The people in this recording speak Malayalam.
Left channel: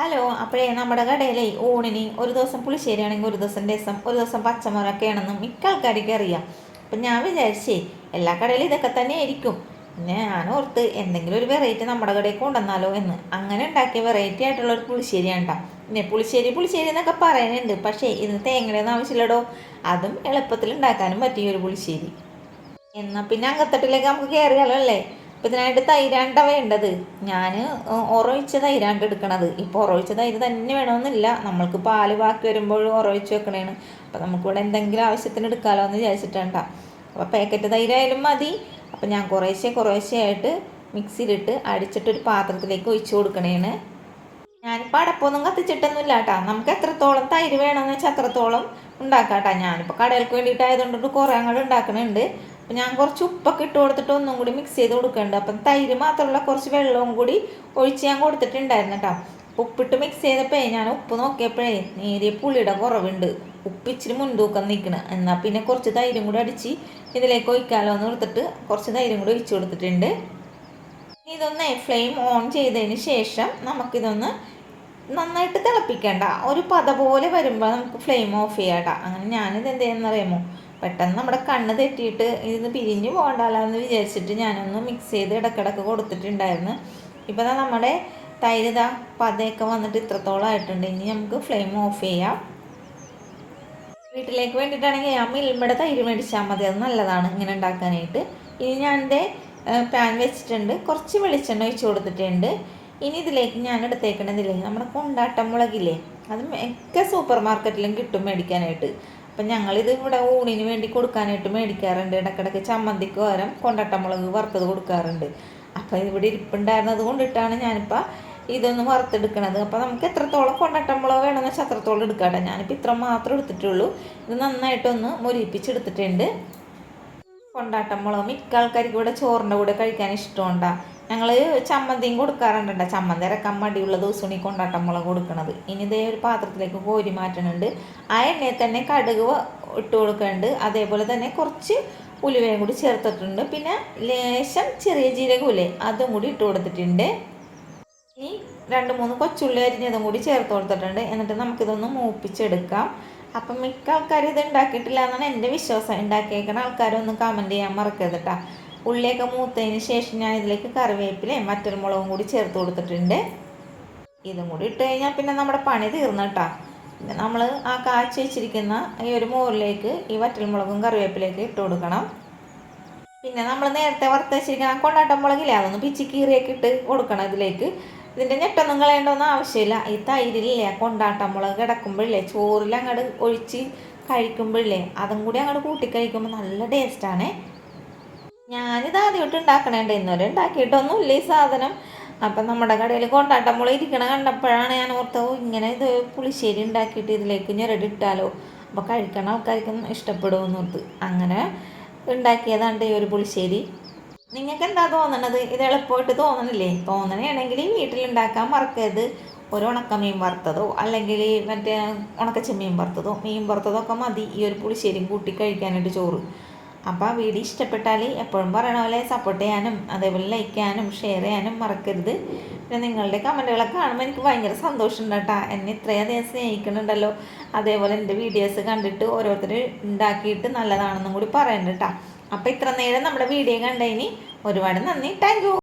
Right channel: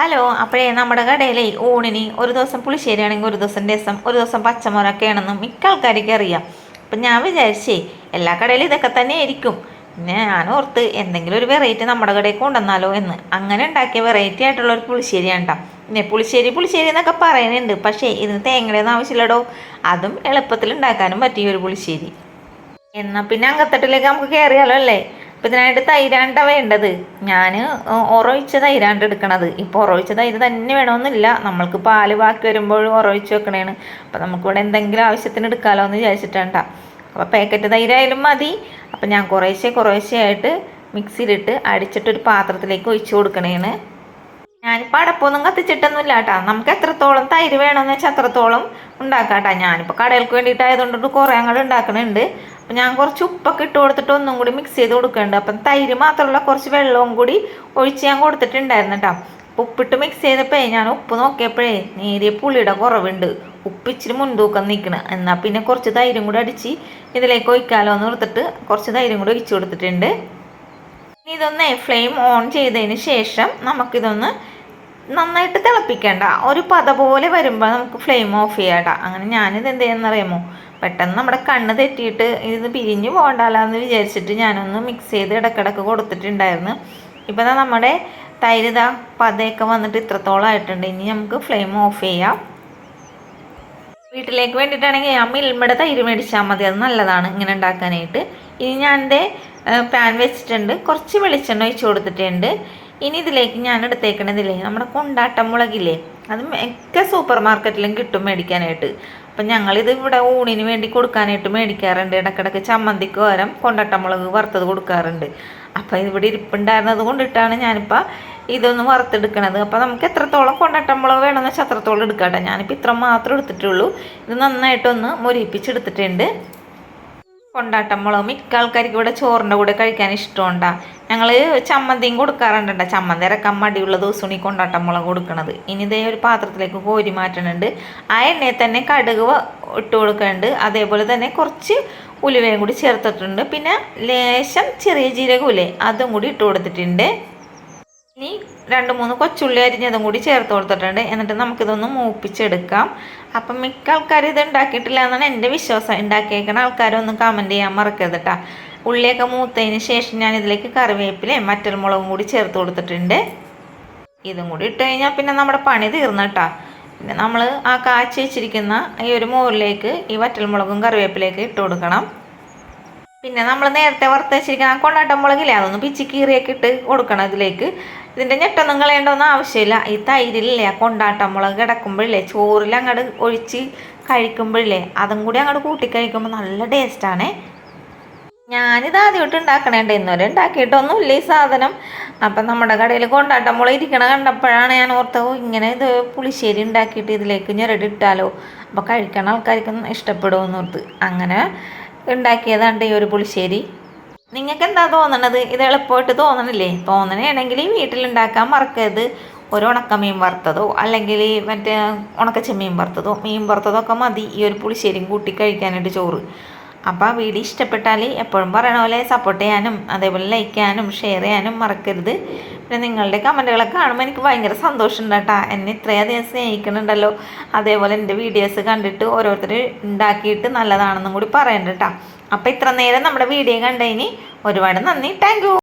ഹലോ, അപ്പോഴേ നമ്മുടെ കടയിലെ ഊണിന് ഒരു ദിവസം പുളിശ്ശേരി ആണെങ്കിൽ ഒരു ദിവസം രസം, ഒരു ദിവസം പച്ചമുളകൊക്കെ ആണെന്ന് മിക്ക ആൾക്കാർക്ക് അറിയാം. അപ്പം ഞാൻ വിചാരിച്ചേ എല്ലാ കടയിലും ഇതൊക്കെ തന്നെ ആയിരിക്കും. പിന്നെ ഞാൻ ഓർത്ത് എന്തെങ്കിലും ഒരു വെറൈറ്റി നമ്മുടെ കടയിൽ കൊണ്ടുവന്നാലോ എന്ന്. അങ്ങനെ ഉണ്ടാക്കിയ വെറൈറ്റി ആയിട്ടുള്ള ഒരു പുളിശ്ശേരിയാണ് കേട്ടോ. പിന്നെ പുളിശ്ശേരി പുളിശ്ശേരി എന്നൊക്കെ പറയുന്നുണ്ട്, പക്ഷേ ഇതിന് തേങ്ങയുടെയൊന്നും ആവശ്യമില്ലടോ. അതും എളുപ്പത്തിൽ ഉണ്ടാക്കാനും പറ്റിയ ഒരു പുളിശ്ശേരി. എന്നാൽ പിന്നെ അങ്കത്തട്ടിലേക്ക് നമുക്ക് കയറിയാലോ അല്ലേ. അപ്പം ഇതിനായിട്ട് തൈരാണ്ട വേണ്ടത്. ഞാൻ ഉറവിച്ച തൈരാണ്ട് എടുക്കണത്. ഇപ്പോൾ ഉറവിച്ച തൈര് തന്നെ വേണമെന്നില്ല, നമ്മൾക്ക് പാല് ബാക്കി വരുമ്പോൾ ഉറവിച്ച് വെക്കണേണ്. അപ്പം നമുക്കിവിടെ എന്തെങ്കിലും ആവശ്യത്തിന് എടുക്കാമല്ലോ എന്ന് വിചാരിച്ചിട്ടാണ്. അപ്പോൾ പാക്കറ്റ് തൈരായാലും മതി. അപ്പം ഞാൻ കുറേശ്ശെ ആയിട്ട് മിക്സിയിലിട്ട് അടിച്ചിട്ടൊരു പാത്രത്തിലേക്ക് ഒഴിച്ചു കൊടുക്കണേണ്. ഞാനിപ്പോൾ അടപ്പൊന്നും കത്തിച്ചിട്ടൊന്നുമില്ല കേട്ടോ. നമുക്ക് എത്രത്തോളം തൈര് വേണമെന്ന് വെച്ചാൽ അത്രത്തോളം ഉണ്ടാക്കാം കേട്ടോ. ഞാനിപ്പോൾ കടകൾക്ക് വേണ്ടിയിട്ടായതുകൊണ്ടിട്ട് കുറേ അങ്ങോട്ട് ഉണ്ടാക്കുന്നുണ്ട്. അപ്പം ഞാൻ കുറച്ച് ഉപ്പൊക്കെ ഇട്ട് കൊടുത്തിട്ട് ഒന്നും കൂടി മിക്സ് ചെയ്ത് കൊടുക്കുന്നുണ്ട്. അപ്പം തൈര് മാത്രമല്ല, കുറച്ച് വെള്ളവും കൂടി ഒഴിച്ച് ഞാൻ കൊടുത്തിട്ടുണ്ടായിരുന്നു കേട്ടോ. ഉപ്പിട്ട് മിക്സ് ചെയ്തപ്പോഴേ ഞാൻ ഉപ്പ് നോക്കിയപ്പോഴേ നേരിയ പുളിയുടെ കുറവുണ്ട്. ഉപ്പ് ഇച്ചിരി മുൻതൂക്കം നിൽക്കണം. എന്നാൽ പിന്നെ കുറച്ച് തൈരും കൂടി അടിച്ച് ഇതിലേക്ക് ഒഴിക്കാമല്ലോ എന്ന് ഓർത്തിട്ട് കുറച്ച് തൈരും കൂടി ഒഴിച്ചു കൊടുത്തിട്ടുണ്ട്. ഇതൊന്ന് ഫ്ലെയിം ഓൺ ചെയ്തതിന് ശേഷം നമുക്കിതൊന്ന് നന്നായിട്ട് തിളപ്പിക്കേണ്ട, ഒരു പത പോലെ വരുമ്പോൾ നമുക്ക് ഫ്ലെയിം ഓഫ് ചെയ്യാം. അങ്ങനെ ഞാനിത് എന്ത് ചെയ്യുന്നറിയാമോ, പെട്ടെന്ന് നമ്മുടെ കണ്ണ് തെറ്റിയിട്ട് ഇത് പിരിഞ്ഞു പോകണ്ടല്ലോ എന്ന് വിചാരിച്ചിട്ട് ഞാനൊന്ന് മിക്സ് ചെയ്ത് ഇടക്കിടക്ക് കൊടുത്തിട്ടുണ്ടായിരുന്നു. ഇപ്പം നമ്മുടെ തൈര് ഇതാ പതയൊക്കെ വന്നിട്ട് ഇത്രത്തോളം ആയിട്ടുണ്ട്. ഇനി നമുക്ക് ഫ്ലെയിം ഓഫ് ചെയ്യാം. വീട്ടിലേക്ക് വേണ്ടിയിട്ടാണെങ്കിൽ ആ മിൽമയുടെ തൈര് മേടിച്ചാൽ മതി, അത് നല്ലതാണ് ഇങ്ങനെ ഉണ്ടാക്കാനായിട്ട്. ഇനി ഞാൻ എൻ്റെ പാൻ വെച്ചിട്ടുണ്ട്, കുറച്ച് വെളിച്ചെണ്ണ ഒഴിച്ച് കൊടുത്തിട്ടുണ്ട്. ഇനി ഇതിലേക്ക് ഞാൻ എടുത്തേക്കണതില്ലേ നമ്മുടെ കൊണ്ടാട്ടം മുളകില്ലേ, അത് ഒക്കെ സൂപ്പർ മാർക്കറ്റിലും കിട്ടും മേടിക്കാനായിട്ട്. അപ്പം ഞങ്ങളിത് ഇവിടെ ഊണിന് വേണ്ടി കൊടുക്കാനായിട്ട് മേടിക്കാറുണ്ട്. ഇടയ്ക്കിടയ്ക്ക് ചമ്മന്തിക്ക് പകരം കൊണ്ടാട്ടം മുളക് വറുത്തത് കൊടുക്കാറുണ്ട്. അപ്പോൾ ഇവിടെ ഇരിപ്പുണ്ടായിരുന്നത് കൊണ്ടിട്ടാണ് ഞാനിപ്പോൾ ഇതൊന്ന് വറുത്തെടുക്കണത്. അപ്പോൾ നമുക്ക് എത്രത്തോളം കൊണ്ടാട്ടം മുളക് വേണമെന്ന് വെച്ചാൽ അത്രത്തോളം എടുക്കാട്ടെ. ഞാനിപ്പോൾ ഇത്ര മാത്രം എടുത്തിട്ടുള്ളൂ. ഇത് നന്നായിട്ടൊന്ന് മൊരിപ്പിച്ചെടുത്തിട്ടുണ്ട്. കൊണ്ടാട്ടം മുളക് മിക്ക ആൾക്കാർക്ക് ഇവിടെ ചോറിൻ്റെ കൂടെ കഴിക്കാൻ ഇഷ്ടമുണ്ടാ. ഞങ്ങൾ ചമ്മന്തിയും കൊടുക്കാറുണ്ട്. ചമ്മന്തി ഇറക്കാൻ മടിയുള്ള ദിവസമാണ് ഈ കൊണ്ടാട്ടം മുളക് കൊടുക്കണത്. ഇനി ഇതേ ഒരു പാത്രത്തിലേക്ക് കോരി മാറ്റുന്നുണ്ട്. ആ എണ്ണയിൽ തന്നെ കടുക് ഇട്ട് കൊടുക്കുന്നുണ്ട്. അതേപോലെ തന്നെ കുറച്ച് ഉലുവയും കൂടി ചേർത്തിട്ടുണ്ട്. പിന്നെ ലേശം ചെറിയ ജീരകമില്ലേ, അതും കൂടി ഇട്ട് കൊടുത്തിട്ടുണ്ട്. ഇനി 2-3 കൊച്ചുള്ളി അരിഞ്ഞതും കൂടി ചേർത്ത് കൊടുത്തിട്ടുണ്ട്. എന്നിട്ട് നമുക്കിതൊന്ന് മൂപ്പിച്ചെടുക്കാം. അപ്പം മിക്ക ആൾക്കാർ ഇത് ഉണ്ടാക്കിയിട്ടില്ല എന്നാണ് എൻ്റെ വിശ്വാസം. ഉണ്ടാക്കിയേക്കണ ആൾക്കാരൊന്ന് കമൻറ്റ് ചെയ്യാൻ മറക്കരുത് കേട്ടോ. ഉള്ളിയൊക്കെ മൂത്തതിന് ശേഷം ഞാൻ ഇതിലേക്ക് കറിവേപ്പിലയും മറ്റൽമുളകും കൂടി ചേർത്ത് കൊടുത്തിട്ടുണ്ട്. ഇതും കൂടി ഇട്ട് കഴിഞ്ഞാൽ പിന്നെ നമ്മുടെ പണി തീർന്നു കേട്ടോ. പിന്നെ നമ്മൾ ആ കാച്ചി വെച്ചിരിക്കുന്ന ഈ ഒരു മോരിലേക്ക് ഈ വറ്റൽമുളകും കറിവേപ്പിലേക്ക് ഇട്ട് കൊടുക്കണം. പിന്നെ നമ്മൾ നേരത്തെ വറുത്ത് വെച്ചിരിക്കുന്ന കൊണ്ടാട്ടം മുളകില്ലേ, അതൊന്ന് പിച്ചി കീറിയൊക്കെ ഇട്ട് കൊടുക്കണം ഇതിലേക്ക്. ഇതിൻ്റെ ഞെട്ടൊന്നും കളയേണ്ടൊന്നും ആവശ്യമില്ല. ഈ തൈരില്ലേ ആ കൊണ്ടാട്ടം മുളക് കിടക്കുമ്പോഴില്ലേ ചോറിൽ അങ്ങോട്ട് ഒഴിച്ച് കഴിക്കുമ്പോഴില്ലേ അതും കൂടി അങ്ങോട്ട് കൂട്ടി കഴിക്കുമ്പോൾ നല്ല ടേസ്റ്റാണേ. ഞാനിത് ആദ്യമായിട്ട് ഉണ്ടാക്കണേണ്ട, ഇന്നുവരെ ഉണ്ടാക്കിയിട്ടൊന്നുമില്ല ഈ സാധനം. അപ്പം നമ്മുടെ കടയിൽ കൊണ്ടാട്ടം മുളക് ഇരിക്കണ കണ്ടപ്പോഴാണ് ഞാൻ ഓർത്തത് ഇങ്ങനെ ഇത് പുളിശ്ശേരി ഉണ്ടാക്കിയിട്ട് ഇതിലേക്ക് ഞെരടിട്ടാലോ, അപ്പോൾ കഴിക്കണ ആൾക്കാർക്കും ഇഷ്ടപ്പെടുമെന്ന് ഓർത്ത് അങ്ങനെ ഉണ്ടാക്കിയതാണ് ഈ ഒരു പുളിശ്ശേരി. നിങ്ങൾക്ക് എന്താ തോന്നണത്? ഇത് എളുപ്പമായിട്ട് തോന്നണില്ലേ? തോന്നണയാണെങ്കിൽ വീട്ടിലുണ്ടാക്കാൻ മറക്കരുത്. ഒരു ഉണക്കമീൻ വറുത്തതോ അല്ലെങ്കിൽ മറ്റേ ഉണക്കച്ചെമ്മീൻ വറുത്തതോ മീൻ വറുത്തതോ ഒക്കെ മതി ഈ ഒരു പുളിശ്ശേരിയും കൂട്ടി കഴിക്കാനായിട്ട് ചോറ്. അപ്പോൾ വീഡിയോ ഇഷ്ടപ്പെട്ടാൽ എപ്പോഴും പറയണ പോലെ സപ്പോർട്ട് ചെയ്യാനും അതേപോലെ ലൈക്ക് ചെയ്യാനും ഷെയർ ചെയ്യാനും മറക്കരുത്. പിന്നെ നിങ്ങളുടെ കമൻറ്റുകളൊക്കെ കാണുമ്പോൾ എനിക്ക് ഭയങ്കര സന്തോഷമുണ്ട് കേട്ടോ. എന്നെ ഇത്രയധികം സ്നേഹിക്കുന്നുണ്ടല്ലോ. അതേപോലെ എൻ്റെ വീഡിയോസ് കണ്ടിട്ട് ഓരോരുത്തർ ഉണ്ടാക്കിയിട്ട് നല്ലതാണെന്നും കൂടി പറയണ്ട കേട്ടോ. അപ്പോൾ ഇത്ര നേരം നമ്മുടെ വീഡിയോ കണ്ടതിന് ഒരുപാട് നന്ദി. Thank you.